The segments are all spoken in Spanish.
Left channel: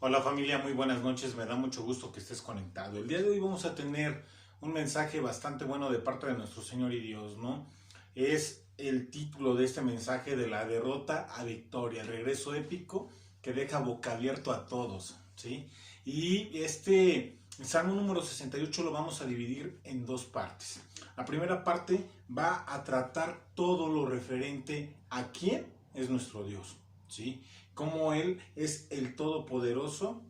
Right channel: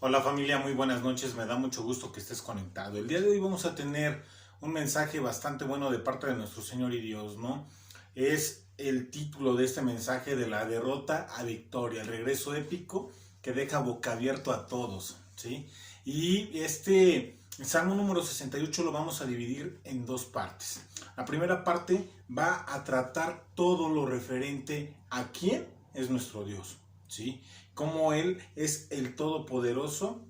Hola familia, muy buenas noches, me da mucho gusto que estés conectado. El día de hoy vamos a tener un mensaje bastante bueno de parte de nuestro Señor y Dios, ¿no? Es el título de este mensaje: de la derrota a victoria, el regreso épico que deja boca abierto a todos, ¿sí? Y este Salmo número 68 lo vamos a dividir en dos partes. La primera parte va a tratar todo lo referente a quién es nuestro Dios, ¿sí? Como Él es el Todopoderoso,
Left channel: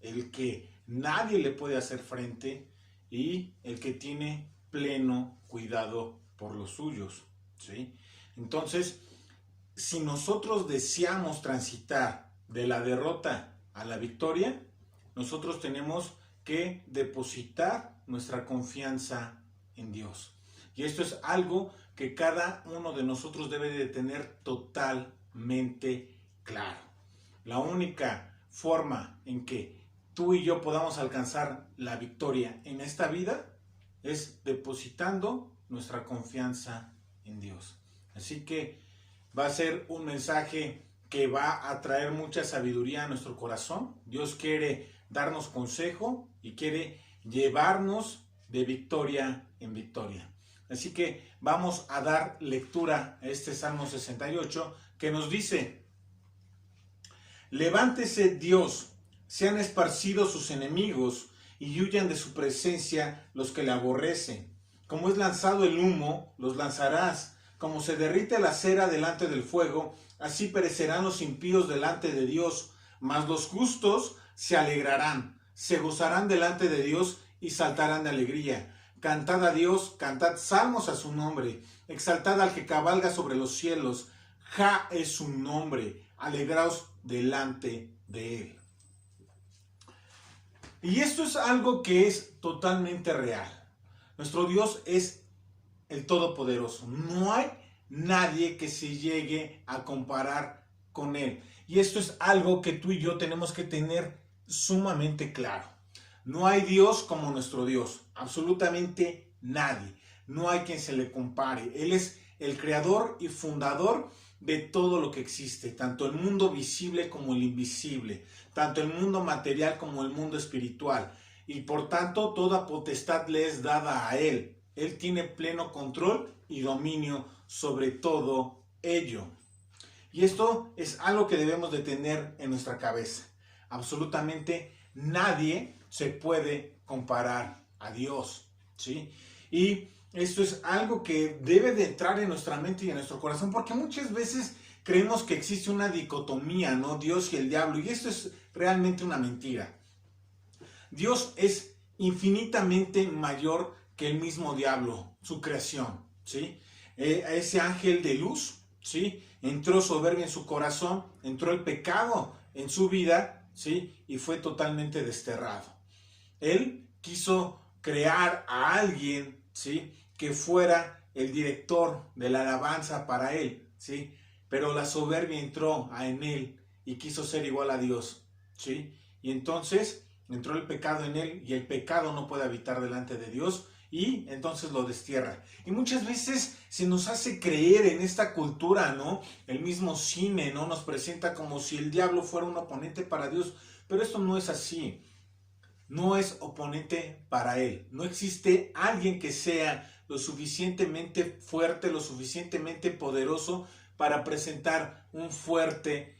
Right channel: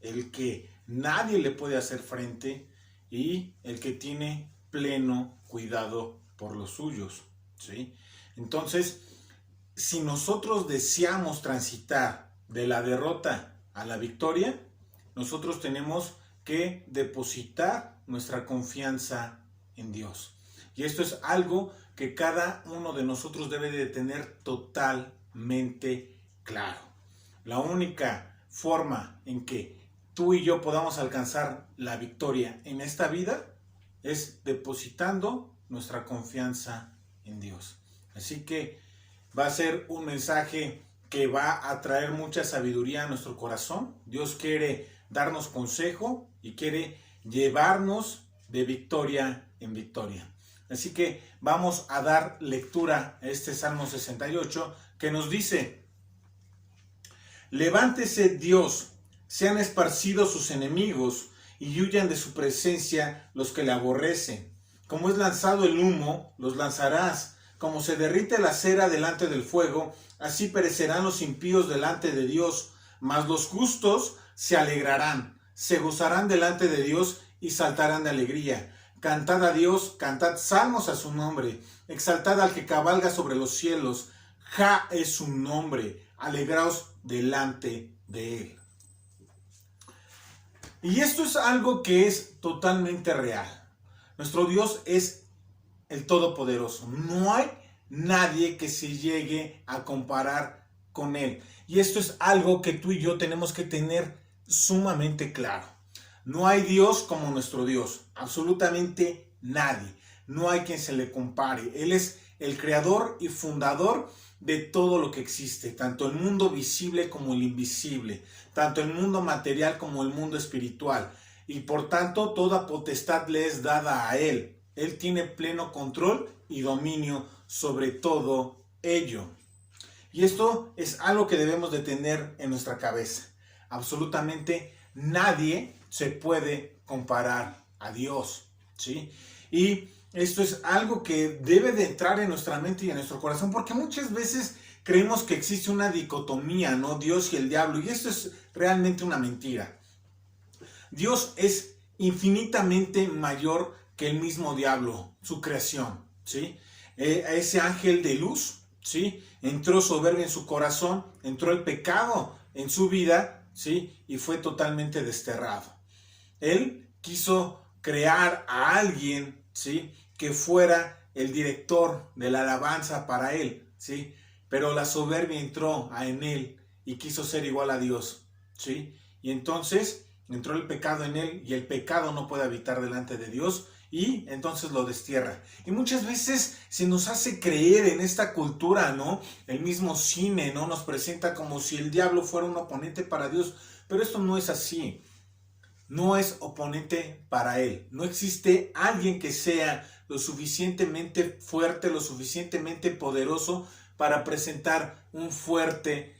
el que nadie le puede hacer frente y el que tiene pleno cuidado por los suyos, ¿sí? Entonces, si nosotros deseamos transitar de la derrota a la victoria, nosotros tenemos que depositar nuestra confianza en Dios. Y esto es algo que cada uno de nosotros debe de tener totalmente claro. La única forma en que tú y yo podamos alcanzar la victoria en esta vida es depositando nuestra confianza en Dios. Así que va a ser un mensaje que va a traer mucha sabiduría a nuestro corazón. Dios quiere darnos consejo y quiere llevarnos de victoria en victoria. Así que vamos a dar lectura a este Salmo 68 que nos dice: levántese Dios, sean esparcidos sus enemigos y huyan de su presencia los que le aborrecen. Como es lanzado el humo, los lanzarás. Como se derrite la cera delante del fuego, así perecerán los impíos delante de Dios. Mas los justos se alegrarán, se gozarán delante de Dios y saltarán de alegría. Cantad a Dios, cantad salmos a su nombre. Exaltad al que cabalga sobre los cielos. Ja es su nombre. Alegraos delante de Él. Y esto es algo que es totalmente real. Nuestro Dios es el Todopoderoso. No hay nadie que se llegue a comparar con Él. Y esto es algo que tú y yo tenemos que tener sumamente claro. No hay Dios como nuestro Dios. Absolutamente nadie. No hay quien se le compare. Él es el creador y fundador de todo lo que existe, tanto el mundo visible como el invisible, tanto el mundo material como el mundo espiritual, y por tanto toda potestad le es dada a Él. Él tiene pleno control y dominio sobre todo ello. Y esto es algo que debemos de tener en nuestra cabeza. Absolutamente nadie se puede comparar a Dios, ¿sí? Y esto es algo que debe de entrar en nuestra mente y en nuestro corazón, porque muchas veces creemos que existe una dicotomía, ¿no? Dios y el diablo, y esto es realmente una mentira. Dios es infinitamente mayor que el mismo diablo, su creación, ¿sí? Ese ángel de luz, ¿sí? Entró soberbia en su corazón, entró el pecado en su vida, ¿sí? Y fue totalmente desterrado. Él quiso crear a alguien, ¿sí? Que fuera el director de la alabanza para él, ¿sí? Pero la soberbia entró en él y quiso ser igual a Dios, ¿sí? Y entonces entró el pecado en él y el pecado no puede habitar delante de Dios y entonces lo destierra. Y muchas veces se nos hace creer en esta cultura, ¿no? El mismo cine, ¿no? Nos presenta como si el diablo fuera un oponente para Dios, pero esto no es así. No es oponente para él. No existe alguien que sea lo suficientemente fuerte, lo suficientemente poderoso para presentar un fuerte,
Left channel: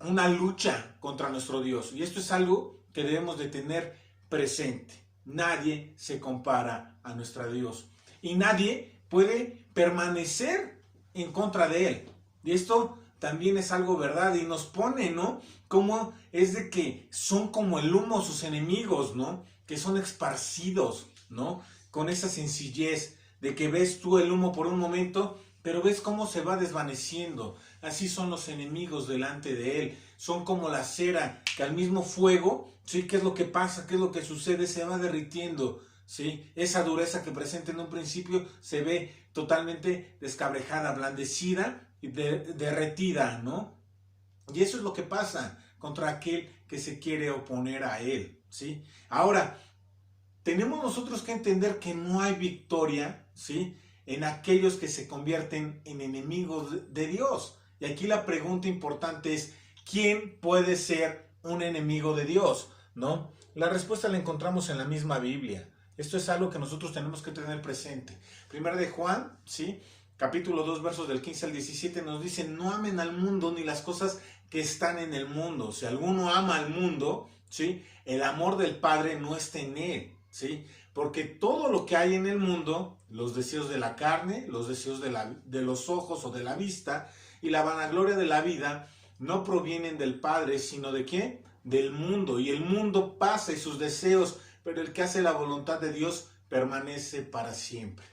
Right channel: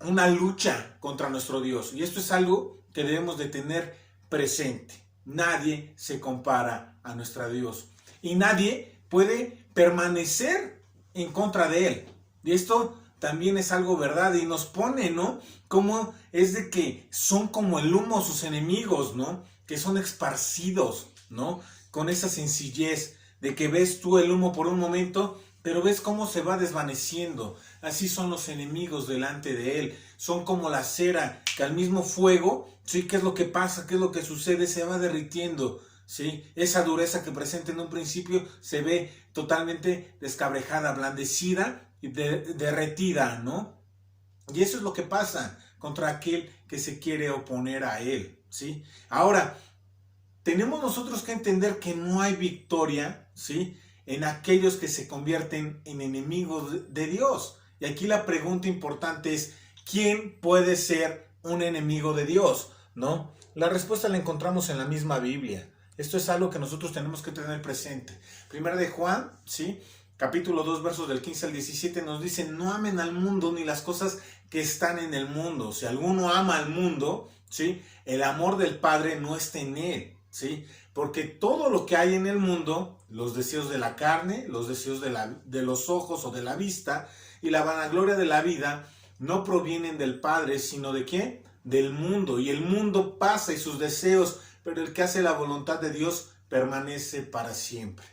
una lucha contra nuestro Dios. Y esto es algo que debemos de tener presente. Nadie se compara a nuestro Dios. Y nadie puede permanecer en contra de Él. Y esto también es algo verdad y nos pone, ¿no? Como es de que son como el humo sus enemigos, ¿no? Que son esparcidos, ¿no? Con esa sencillez de que ves tú el humo por un momento, pero ves cómo se va desvaneciendo. Así son los enemigos delante de Él. Son como la cera que al mismo fuego, ¿sí? ¿Qué es lo que pasa? ¿Qué es lo que sucede? Se va derritiendo, ¿sí? Esa dureza que presenta en un principio se ve totalmente descabrejada, ablandecida y derretida, ¿no? Y eso es lo que pasa contra aquel que se quiere oponer a Él, ¿sí? Ahora, tenemos nosotros que entender que no hay victoria, ¿sí? En aquellos que se convierten en enemigos de Dios. Y aquí la pregunta importante es, ¿quién puede ser un enemigo de Dios? ¿No? La respuesta la encontramos en la misma Biblia. Esto es algo que nosotros tenemos que tener presente. Primera de Juan, ¿sí? Capítulo 2, versos del 15 al 17 nos dice, no amen al mundo ni las cosas que están en el mundo. Si alguno ama al mundo, ¿sí? El amor del Padre no está en él, ¿sí? Porque todo lo que hay en el mundo, los deseos de la carne, los deseos de los ojos o de la vista y la vanagloria de la vida, no provienen del Padre, sino ¿de qué? Del mundo. Y el mundo pasa y sus deseos, pero el que hace la voluntad de Dios permanece para siempre.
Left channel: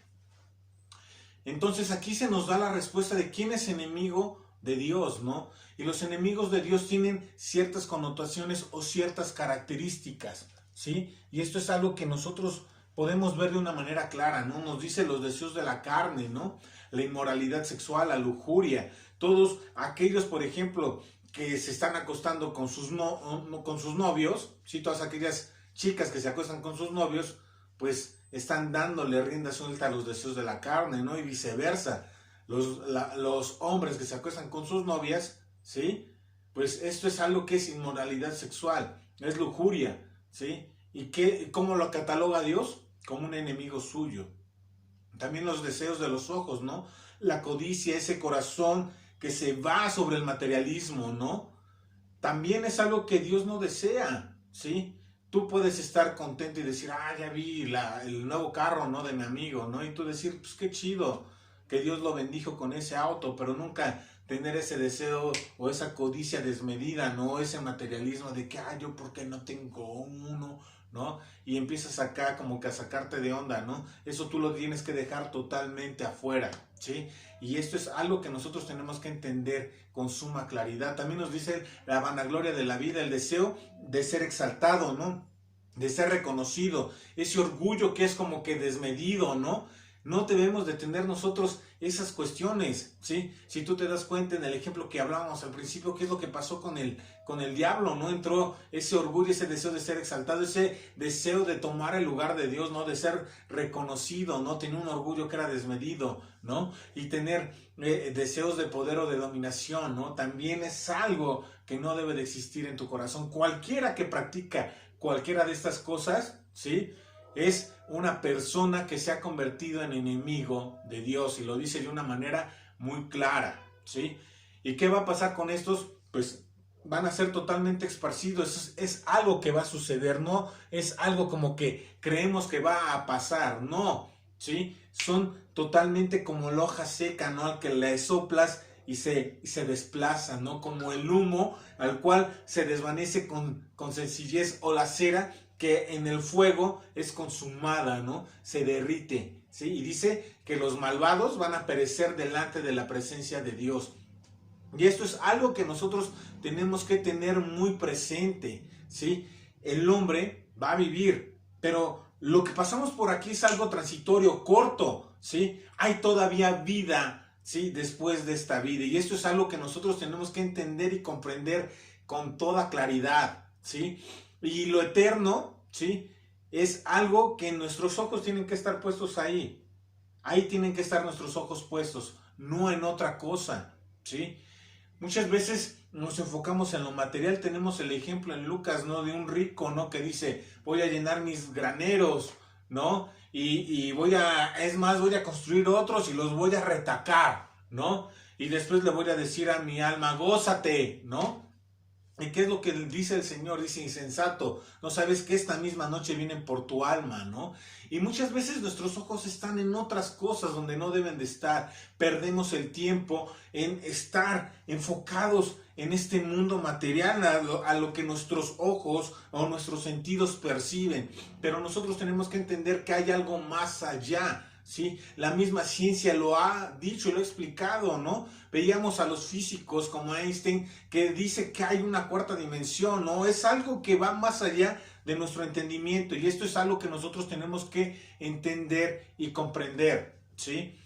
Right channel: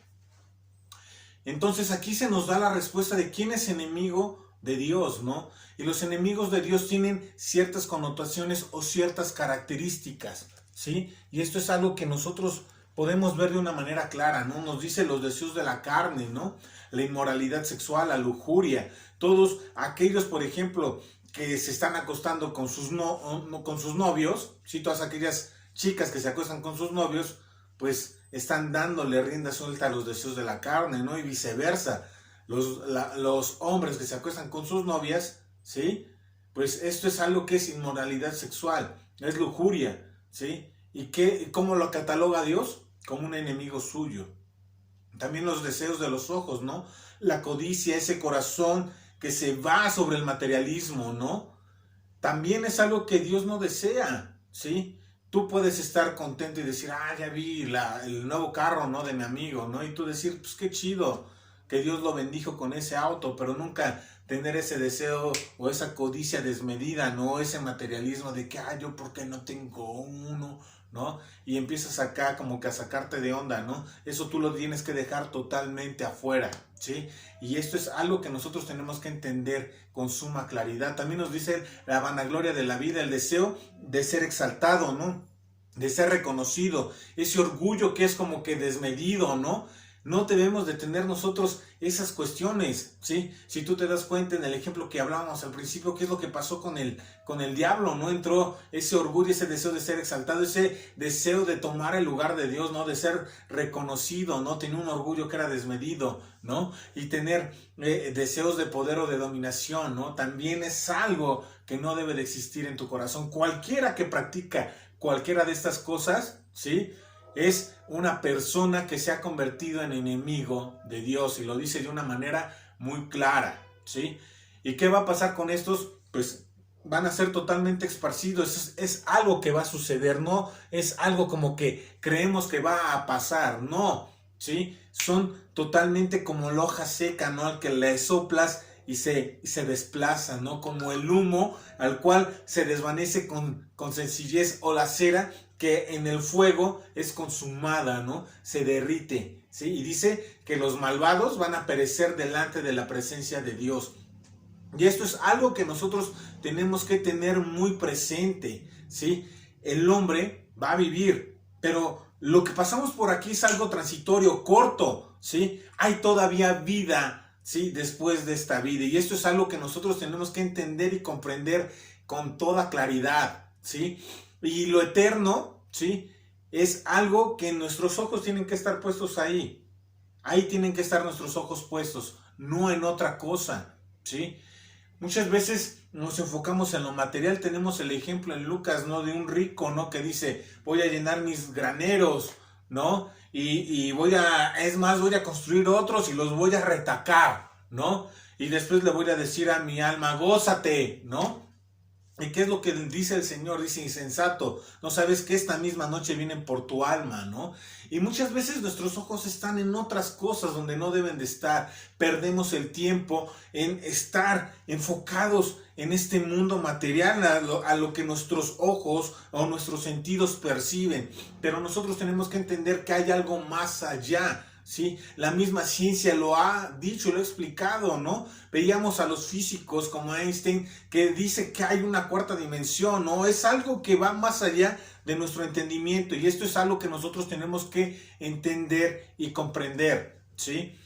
Entonces aquí se nos da la respuesta de quién es enemigo de Dios, ¿no? Y los enemigos de Dios tienen ciertas connotaciones o ciertas características, ¿sí? Y esto es algo que nosotros podemos ver de una manera clara, ¿no? Nos dice los deseos de la carne, ¿no? La inmoralidad sexual, la lujuria, todos aquellos, por ejemplo, que se están acostando con sus novios, ¿sí? Todas aquellas chicas que se acuestan con sus novios, pues están dándole rienda suelta a los deseos de la carne, ¿no? Y viceversa. Los hombres que se acuestan con sus novias, ¿sí? Pues esto es algo que es inmoralidad sexual, es lujuria, ¿sí? ¿Y cómo lo cataloga Dios? Como un enemigo suyo. También los deseos de los ojos, ¿no? La codicia, ese corazón que se va sobre el materialismo, ¿no? También es algo que Dios no desea, ¿sí? Tú puedes estar contento y decir, ya vi el nuevo carro, ¿no? De mi amigo, ¿no? Y tú decir, pues qué chido, que Dios lo bendijo con ese auto, pero nunca tener ese deseo o esa codicia desmedida, ¿no? Ese materialismo de que, yo por qué no tengo uno, ¿no? Y empiezas acá como que a sacarte de onda, ¿no? Eso tú lo tienes que dejar totalmente afuera, ¿sí? Y esto es algo que nosotros tenemos que entender con suma claridad. También nos dice la vanagloria de la vida, el deseo de ser exaltado, ¿no? De ser reconocido, ese orgullo que es como que desmedido, ¿no? No debemos de tener nosotros esas cuestiones, ¿sí? Si tú te das cuenta en el ejemplo que hablábamos al principio, ¿qué es lo que pasó con el diablo? ¿No? Entró ese orgullo, ese deseo de ser exaltado, ese deseo de tomar el lugar de Dios, ¿no? De ser reconocido, ¿no? Tenía un orgullo que era desmedido, ¿no? Y tener deseos de poder o de dominación, ¿no? También es algo que no debe de existir en tu corazón. Cualquiera que practica cualquiera de estas cosas, ¿sí? Es una persona que se ha convertido en enemigo de Dios, y lo dice de una manera muy clara, ¿sí? ¿Y qué va a pasar con estos? Pues van a ser totalmente esparcidos. Es algo que va a suceder, no es algo como que creemos que va a pasar, no, ¿sí? Son totalmente como la hoja seca, ¿no? Al que le soplas y se desplaza, ¿no? Como el humo al cual se desvanece con sencillez, o la cera que en el fuego es consumada, ¿no? Se derrite, ¿sí? Y dice que los malvados van a perecer delante de la presencia de Dios. Y esto es algo que nosotros tenemos que tener muy presente, ¿sí? El hombre va a vivir, pero lo que pasamos por aquí es algo transitorio, corto, ¿sí? Hay todavía vida, ¿sí? Después de esta vida, y esto es algo que nosotros tenemos que entender y comprender con toda claridad, ¿sí? Y lo eterno, ¿sí? Es algo que nuestros ojos tienen que estar puestos ahí. Ahí tienen que estar nuestros ojos puestos, no en otra cosa, ¿sí? Muchas veces nos enfocamos en lo material. Tenemos el ejemplo en Lucas, ¿no? De un rico, ¿no? Que dice, voy a llenar mis graneros, ¿no? Y voy a construir otros y los voy a retacar, ¿no? Y después le voy a decir a mi alma, gózate, ¿no? ¿Y qué es lo que dice el Señor? Dice, insensato, no sabes que esta misma noche vienen por tu alma, ¿no? Y muchas veces nuestros ojos están en otras cosas donde no deben de estar. Perdemos el tiempo en estar enfocados en este mundo material, a lo que nuestros ojos o nuestros sentidos perciben. Pero nosotros tenemos que entender que hay algo más allá, ¿sí? La misma ciencia lo ha dicho, lo ha explicado, ¿no? Veíamos a los físicos como Einstein, que dice que hay una cuarta dimensión, ¿no? Es algo que va más allá de nuestro entendimiento, y esto es algo que nosotros tenemos que entender y comprender, ¿sí?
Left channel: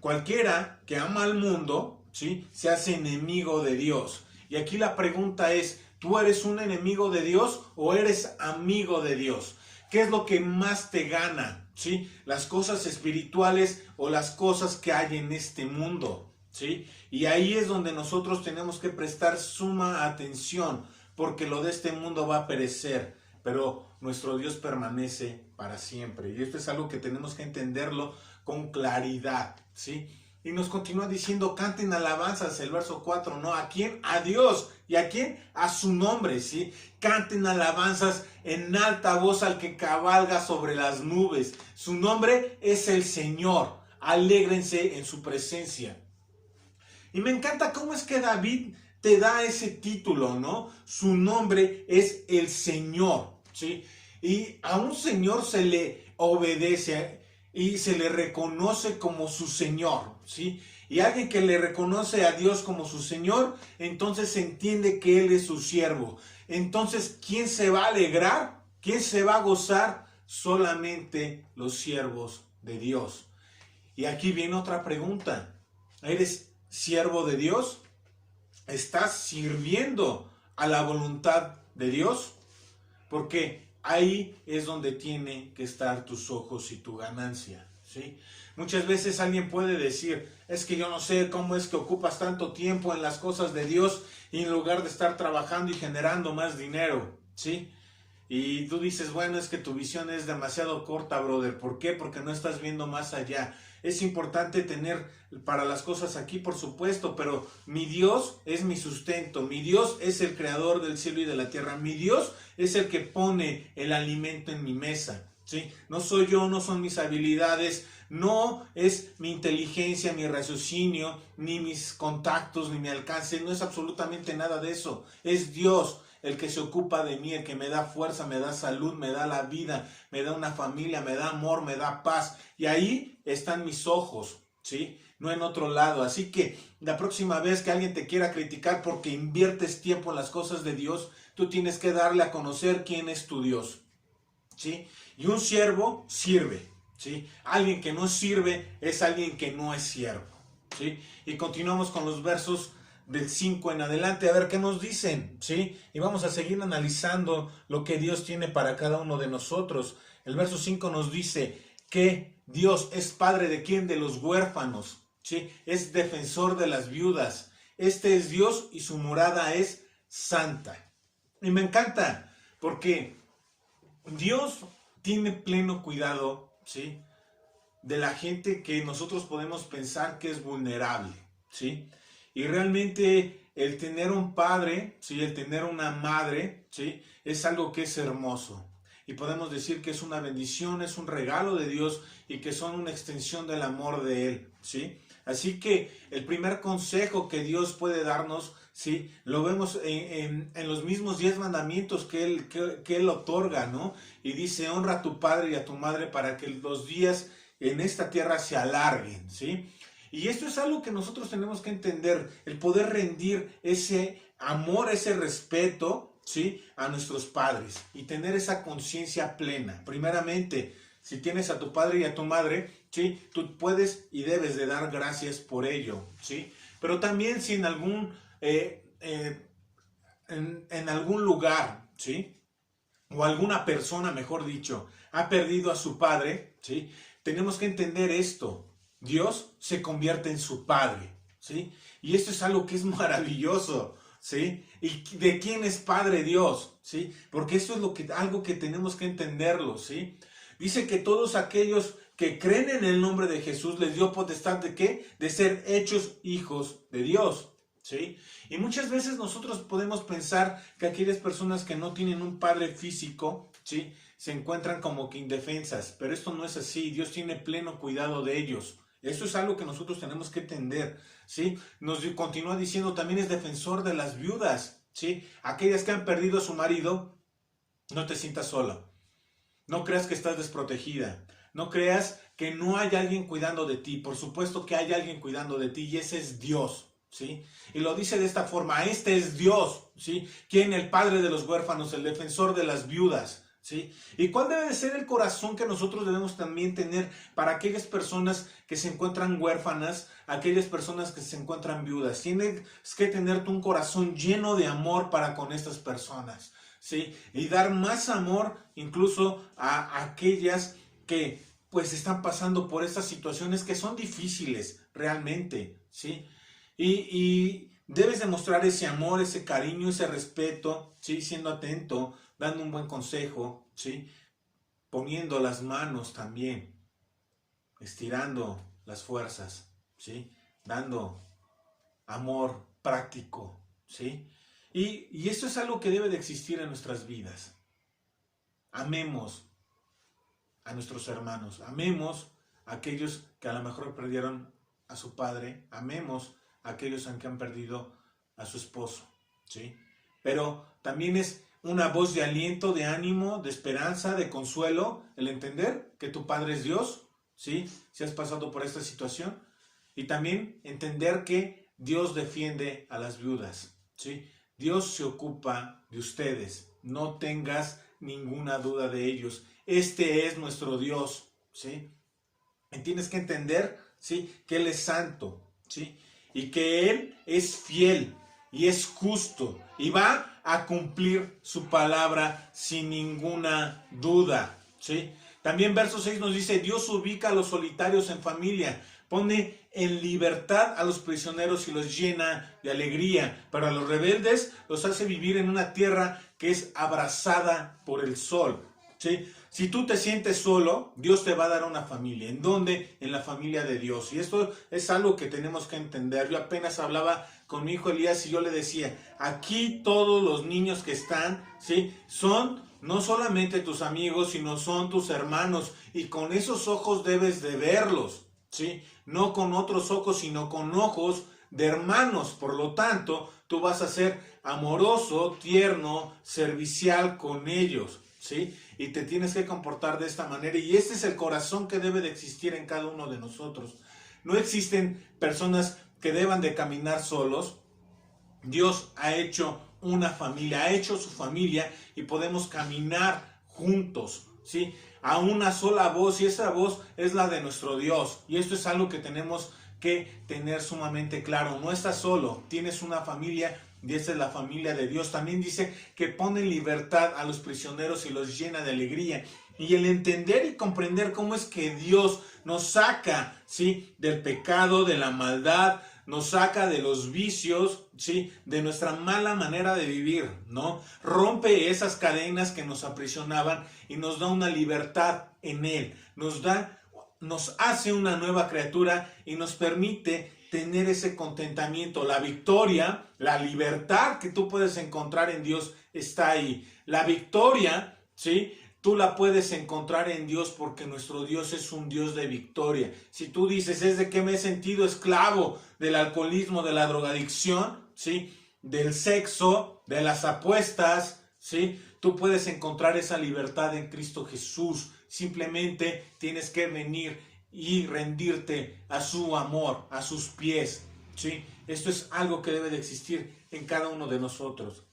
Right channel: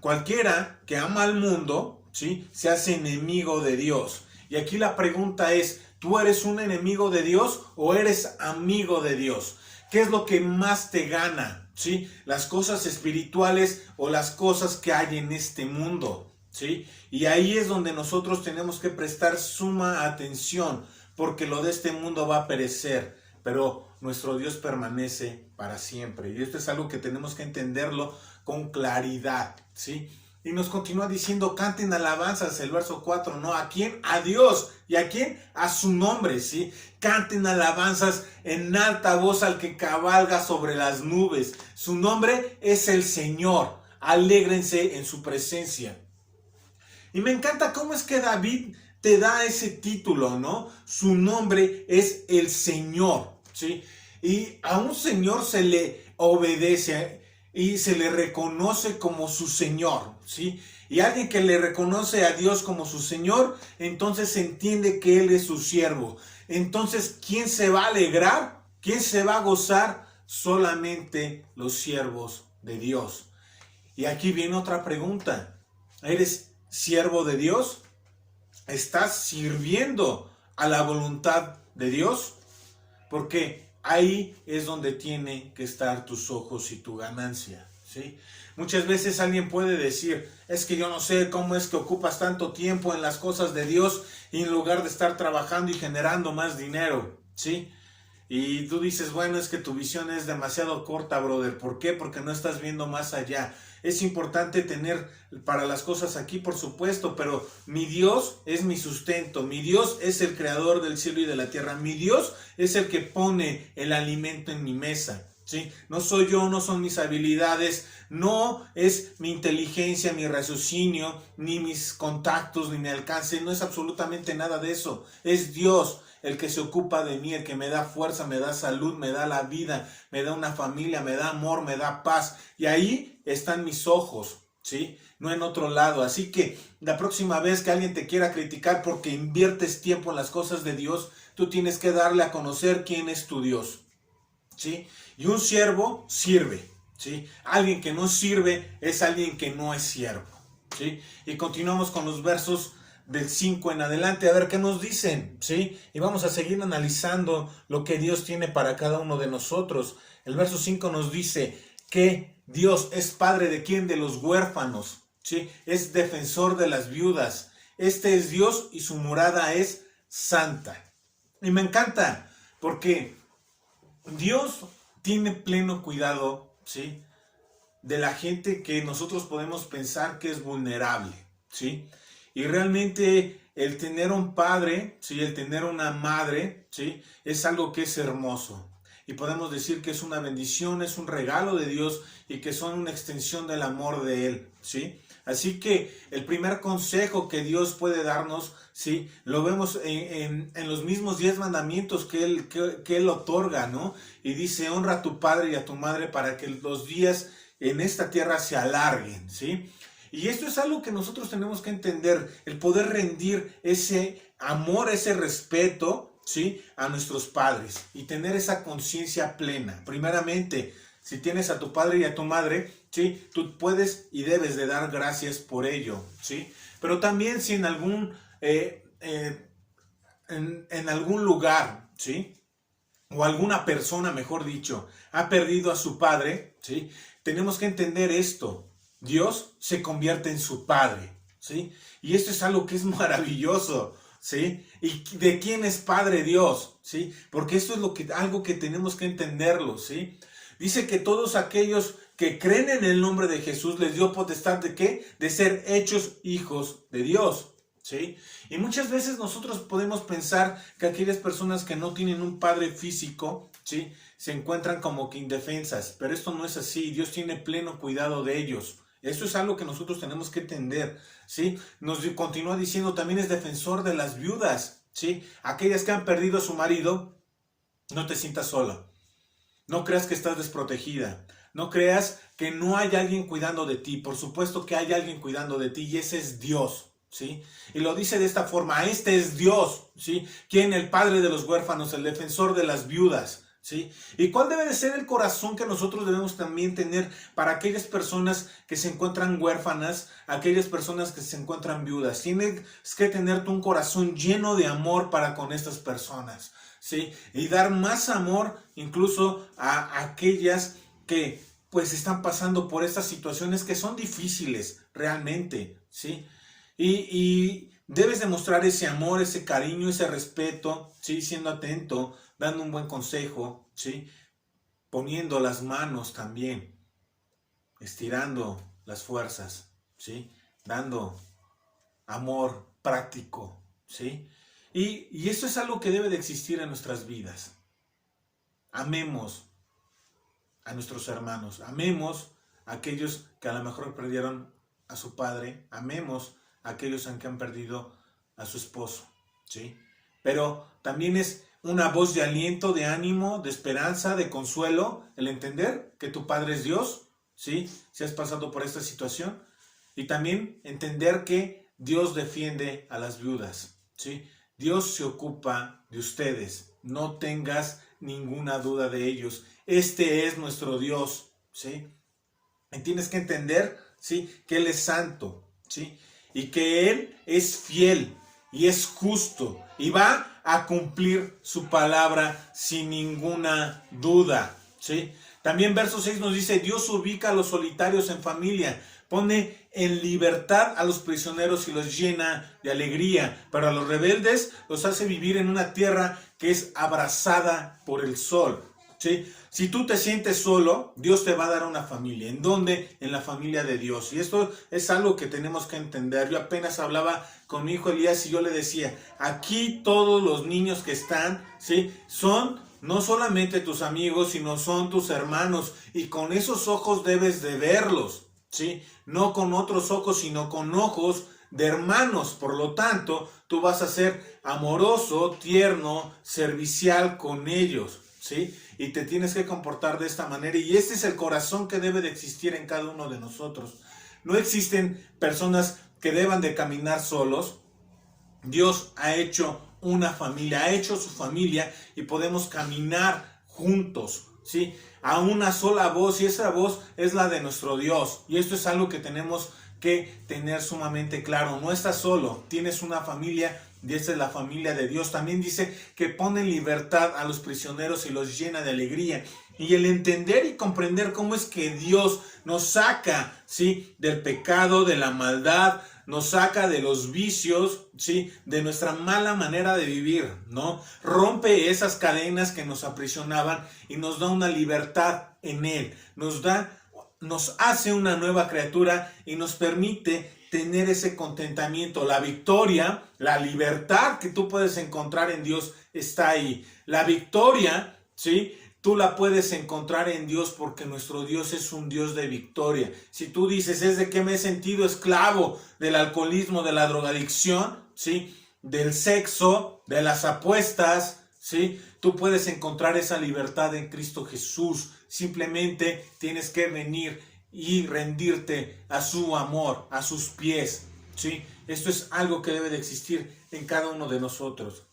Cualquiera que ama al mundo, ¿sí? Se hace enemigo de Dios. Y aquí la pregunta es, ¿tú eres un enemigo de Dios o eres amigo de Dios? ¿Qué es lo que más te gana? ¿Sí? Las cosas espirituales o las cosas que hay en este mundo, ¿sí? Y ahí es donde nosotros tenemos que prestar suma atención, porque lo de este mundo va a perecer, pero nuestro Dios permanece para siempre. Y esto es algo que tenemos que entenderlo con claridad, ¿sí? Y nos continúa diciendo, canten alabanzas, el verso 4, ¿no? ¿A quién? A Dios. ¿Y a quién? A su nombre, ¿sí? Canten alabanzas en alta voz al que cabalga sobre las nubes. Su nombre es el Señor. Alégrense en su presencia. Y me encanta cómo es que David te da ese título, ¿no? Su nombre es el Señor, ¿sí? Y a un Señor se le obedece y se le reconoce como su Señor, ¿sí? Y alguien que le reconoce a Dios como su Señor, entonces se entiende que Él es su siervo. Entonces, ¿quién se va a alegrar? ¿Quién se va a gozar? Solamente los siervos de Dios. Y aquí viene otra pregunta. ¿Eres siervo de Dios? ¿Estás sirviendo a la voluntad de Dios? Porque ahí es donde tienen que estar tus ojos y tu ganancia, ¿sí? Muchas veces alguien puede decir, es que yo no sé cómo es que ocupas tanto tiempo en las cosas de Dios y en lugar de estar trabajando y generando más dinero, ¿sí? Y tú dices, bueno, es que tu visión es demasiado corta, brother. ¿Por qué? Porque no estás viendo más allá. Es importante tener para las cosas aquí, por supuesto, pero mi Dios es mi sustento. Mi Dios es el creador del cielo y de la tierra. Mi Dios es el que pone el alimento en mi mesa, ¿sí? No soy yo, no son mis habilidades, no es mi inteligencia, mi raciocinio, ni mis contactos, ni mi alcance. No es absolutamente nada de eso. Es Dios el que se ocupa de mí, el que me da fuerza, me da salud, me da la vida, me da una familia, me da amor, me da paz. Y ahí están mis ojos, ¿sí? No en otro lado. Así que la próxima vez que alguien te quiera criticar porque inviertes tiempo en las cosas de Dios, tú tienes que darle a conocer quién es tu Dios, ¿sí? Y un siervo sirve, ¿sí? Alguien que no sirve es alguien que no es siervo, ¿sí? Y continuamos con los versos del 5 en adelante, a ver qué nos dicen, ¿sí? Y vamos a seguir analizando lo que Dios tiene para cada uno de nosotros. El verso 5 nos dice que Dios es padre de quién, de los huérfanos, ¿sí? Es defensor de las viudas. Este es Dios y su morada es santa. Y me encanta porque Dios tiene pleno cuidado, ¿sí? De la gente que nosotros podemos pensar que es vulnerable, ¿sí? Y realmente el tener un padre, ¿sí? El tener una madre, ¿sí? Es algo que es hermoso. Y podemos decir que es una bendición, es un regalo de Dios y que son una extensión del amor de Él, ¿sí? Así que el primer consejo que Dios puede darnos, ¿sí? Lo vemos en los mismos 10 mandamientos que Él otorga, ¿no? Y dice, honra a tu padre y a tu madre para que los días en esta tierra se alarguen, ¿sí? Y esto es algo que nosotros tenemos que entender, el poder rendir ese amor, ese respeto, ¿sí? A nuestros padres y tener esa conciencia plena. Primeramente, si tienes a tu padre y a tu madre, ¿sí? Tú puedes y debes de dar gracias por ello, ¿sí? Pero también si en algún, en algún lugar, ¿sí? O alguna persona, mejor dicho, ha perdido a su padre, ¿sí? Tenemos que entender esto. Dios se convierte en su padre, ¿sí? Y esto es algo que es maravilloso, ¿sí? ¿Y de quién es Padre Dios? ¿Sí? Porque esto es algo que tenemos que entenderlo, ¿sí? Dice que todos aquellos que creen en el nombre de Jesús les dio potestad ¿de qué? De ser hechos hijos de Dios, ¿sí? Y muchas veces nosotros podemos pensar que aquellas personas que no tienen un padre físico, ¿sí? Se encuentran como que indefensas, pero esto no es así. Dios tiene pleno cuidado de ellos. Esto es algo que nosotros tenemos que entender, ¿sí? Nos continúa diciendo, también es defensor de las viudas, ¿sí? Aquellas que han perdido a su marido, no te sientas sola. No creas que estás desprotegida. No creas que no hay alguien cuidando de ti. Por supuesto que hay alguien cuidando de ti y ese es Dios, ¿sí? Y lo dice de esta forma, este es Dios, ¿sí? Quien el padre de los huérfanos, el defensor de las viudas, ¿sí? ¿Y cuál debe de ser el corazón que nosotros debemos también tener para aquellas personas que se encuentran huérfanas, aquellas personas que se encuentran viudas? Tienes que tener un corazón lleno de amor para con estas personas, ¿sí? Y dar más amor incluso a aquellas que pues están pasando por estas situaciones que son difíciles realmente, ¿sí? Y debes demostrar ese amor, ese cariño, ese respeto, ¿sí? Siendo atento, dando un buen consejo, ¿sí? Poniendo las manos también, estirando las fuerzas, ¿sí? Dando amor práctico, ¿sí? Y esto es algo que debe de existir en nuestras vidas. Amemos a nuestros hermanos, amemos a aquellos que a lo mejor perdieron a su padre, amemos a aquellos que han perdido a su esposo, ¿sí? Pero también es una voz de aliento, de ánimo, de esperanza, de consuelo, el entender que tu Padre es Dios, ¿sí? Si has pasado por esta situación, y también entender que Dios defiende a las viudas, ¿sí? Dios se ocupa de ustedes, no tengas ninguna duda de ellos. Este es nuestro Dios, ¿sí? Y tienes que entender, ¿sí? Que Él es santo, ¿sí? Y que Él es fiel y es justo y va a cumplir su palabra sin ninguna duda, ¿sí? También verso 6 nos dice, Dios ubica a los solitarios en familia, pone en libertad a los prisioneros y los llena de alegría, pero a los rebeldes los hace vivir en una tierra que es abrasada por el sol, ¿sí? Si tú te sientes solo, Dios te va a dar una familia. ¿En dónde? En la familia de Dios. Y esto es algo que tenemos que entender. Yo apenas hablaba con mi hijo Elías y yo le decía, aquí todos los niños que están, ¿sí? Son no solamente tus amigos, sino son tus hermanos. Y con esos ojos debes de verlos, ¿sí? No con otros ojos, sino con ojos de hermanos. Por lo tanto, tú vas a ser amoroso, tierno, servicial con ellos, ¿sí? Y te tienes que comportar de esta manera. Y este es el corazón que debe de existir en cada uno de nosotros. No existen personas que deban de caminar solos. Dios ha hecho una familia, ha hecho su familia y podemos caminar juntos, ¿sí? A una sola voz, y esa voz es la de nuestro Dios. Y esto es algo que tenemos que tener sumamente claro. No estás solo, tienes una familia. Y esta es la familia de Dios. También dice que pone en libertad a los prisioneros y los llena de alegría. Y el entender y comprender cómo es que Dios nos saca, ¿sí? Del pecado, de la maldad, nos saca de los vicios, ¿sí? De nuestra mala manera de vivir, ¿no? Rompe esas cadenas que nos aprisionaban y nos da una libertad en Él. Nos hace una nueva criatura y nos permite tener ese contentamiento, la victoria, la libertad que tú puedes encontrar en Dios está ahí. La victoria, ¿sí? Tú la puedes encontrar en Dios porque nuestro Dios es un Dios de victoria. Si tú dices, ¿es de qué me he sentido esclavo? Del alcoholismo, de la drogadicción, ¿sí? Del sexo, de las apuestas, ¿sí? Tú puedes encontrar esa libertad en Cristo Jesús. Simplemente tienes que venir y rendirte a su amor, a sus pies, ¿sí? Esto es algo que debe de existir en cada uno de nosotros.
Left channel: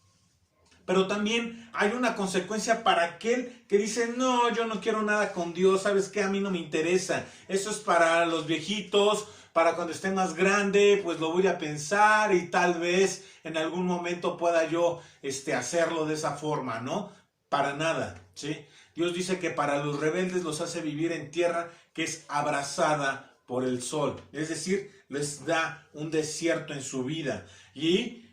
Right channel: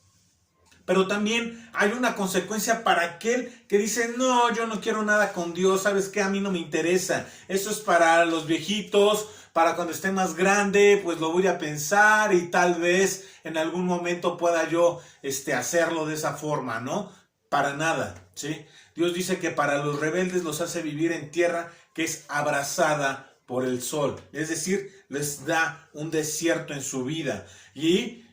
Pero también hay una consecuencia para aquel que dice, no, yo no quiero nada con Dios, ¿sabes qué? A mí no me interesa. Eso es para los viejitos, para cuando esté más grande, pues lo voy a pensar y tal vez en algún momento pueda yo hacerlo de esa forma, ¿no? Para nada, ¿sí? Dios dice que para los rebeldes los hace vivir en tierra que es abrasada por el sol. Es decir, les da un desierto en su vida. Y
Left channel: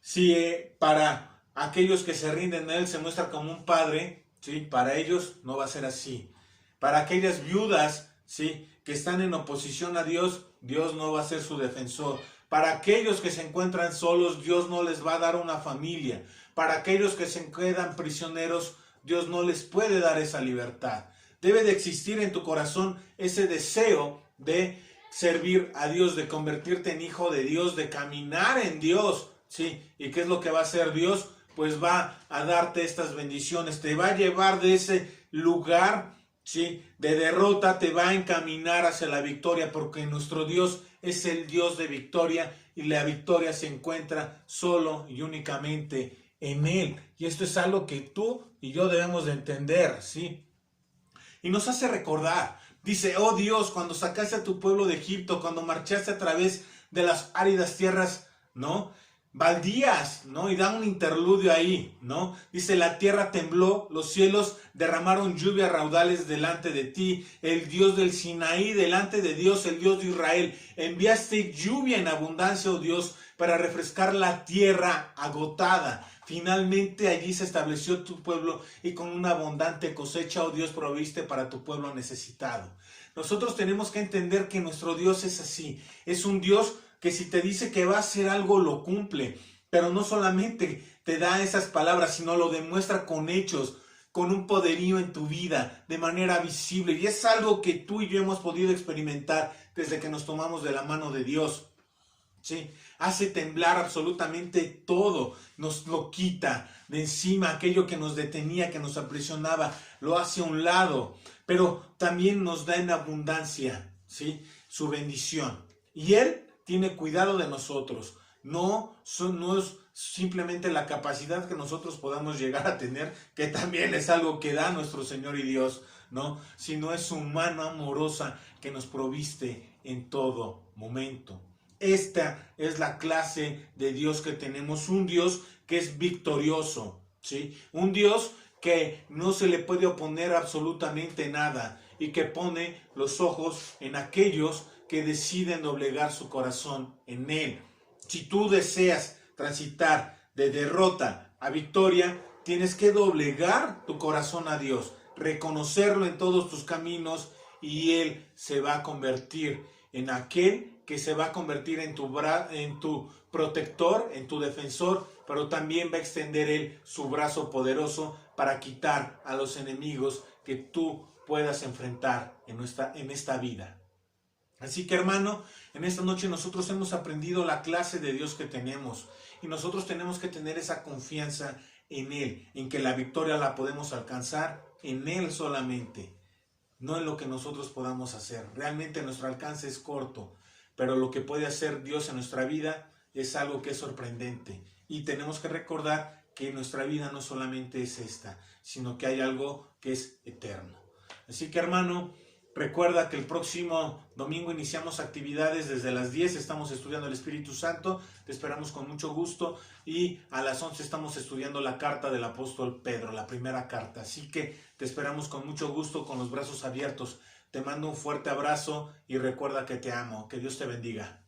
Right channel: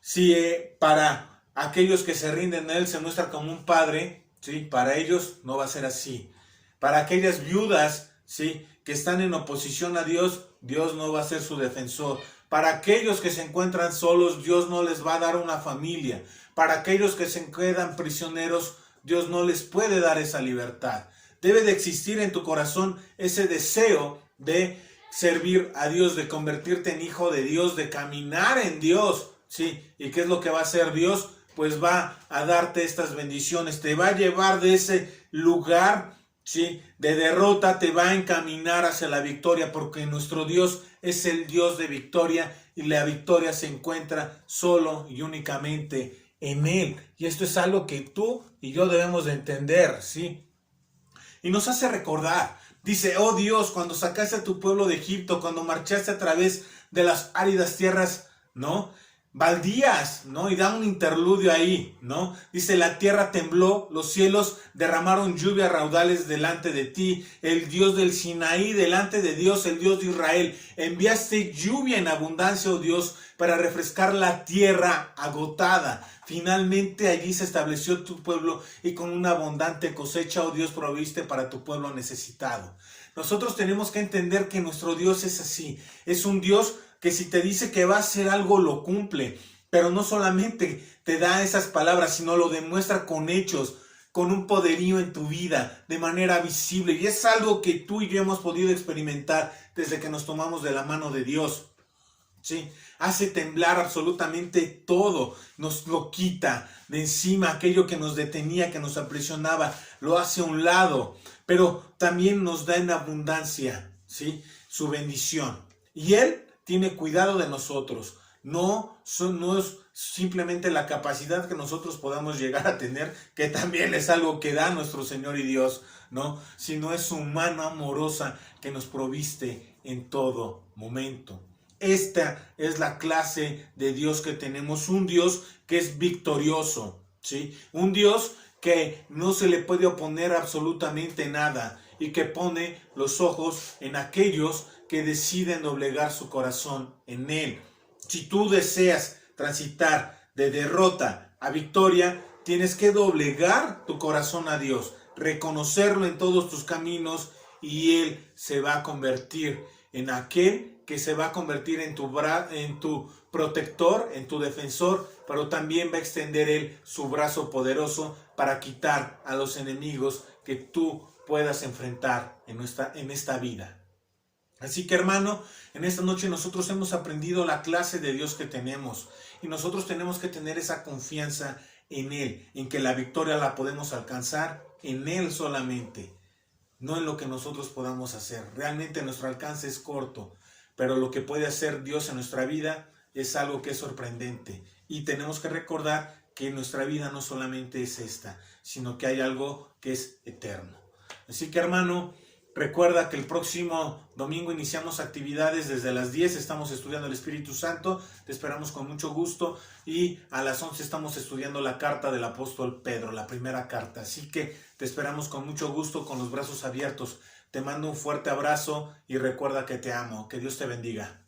si para aquellos que se rinden a Él se muestra como un padre, ¿sí? Para ellos no va a ser así. Para aquellas viudas, ¿sí? Que están en oposición a Dios, Dios no va a ser su defensor. Para aquellos que se encuentran solos, Dios no les va a dar una familia. Para aquellos que se quedan prisioneros, Dios no les puede dar esa libertad. Debe de existir en tu corazón ese deseo de servir a Dios, de convertirte en hijo de Dios, de caminar en Dios, ¿sí? ¿Y qué es lo que va a hacer Dios? Pues va a darte estas bendiciones, te va a llevar de ese lugar, ¿sí? De derrota, te va a encaminar hacia la victoria, porque nuestro Dios es el Dios de victoria y la victoria se encuentra solo y únicamente en Él. Y esto es algo que tú y yo debemos de entender, ¿sí? Y nos hace recordar, dice, oh Dios, cuando sacaste a tu pueblo de Egipto, cuando marchaste a través de las áridas tierras, ¿no? baldías, ¿no? Y da un interludio ahí, ¿no? Dice, la tierra tembló, los cielos derramaron lluvia a raudales delante de ti, el Dios del Sinaí delante de Dios, el Dios de Israel. Enviaste lluvia en abundancia, oh Dios, para refrescar la tierra agotada. Finalmente allí se estableció tu pueblo y con una abundante cosecha, oh Dios, proviste para tu pueblo necesitado. Nosotros tenemos que entender que nuestro Dios es así, es un Dios que si te dice que va a hacer algo, lo cumple. Pero no solamente te da esas palabras, sino lo demuestra con hechos, con un poderío en tu vida, de manera visible. Y es algo que tú y yo hemos podido experimentar desde que nos tomamos de la mano de Dios. ¿Sí? Hace temblar absolutamente todo, nos lo quita de encima, aquello que nos detenía, que nos aprisionaba, lo hace a un lado, pero también nos da en abundancia, ¿sí? Su bendición. Y Él tiene cuidado de nosotros. No es simplemente la capacidad que nosotros podamos llegar a tener, que también es algo que da nuestro Señor y Dios, ¿no? Sino es su mano amorosa que nos proviste en todo momento. Esta es la clase de Dios que tenemos, un Dios que es victorioso, ¿sí? Un Dios que no se le puede oponer absolutamente nada y que pone los ojos en aquellos que deciden doblegar su corazón en Él. Si tú deseas transitar de derrota a victoria, tienes que doblegar tu corazón a Dios, reconocerlo en todos tus caminos y Él se va a convertir en aquel que se va a convertir en tu protector, en tu defensor, pero también va a extender Él su brazo poderoso para quitar a los enemigos que tú puedas enfrentar en esta vida. Así que, hermano, en esta noche nosotros hemos aprendido la clase de Dios que tenemos y nosotros tenemos que tener esa confianza en Él, en que la victoria la podemos alcanzar en Él solamente, no en lo que nosotros podamos hacer. Realmente nuestro alcance es corto, pero lo que puede hacer Dios en nuestra vida es algo que es sorprendente y tenemos que recordar que nuestra vida no solamente es esta, sino que hay algo que es eterno. Así que, hermano, recuerda que el próximo domingo iniciamos actividades desde las 10, estamos estudiando el Espíritu Santo, te esperamos con mucho gusto, y a las 11 estamos estudiando la carta del apóstol Pedro, la primera carta. Así que te esperamos con mucho gusto, con los brazos abiertos. Te mando un fuerte abrazo y recuerda que te amo. Que Dios te bendiga.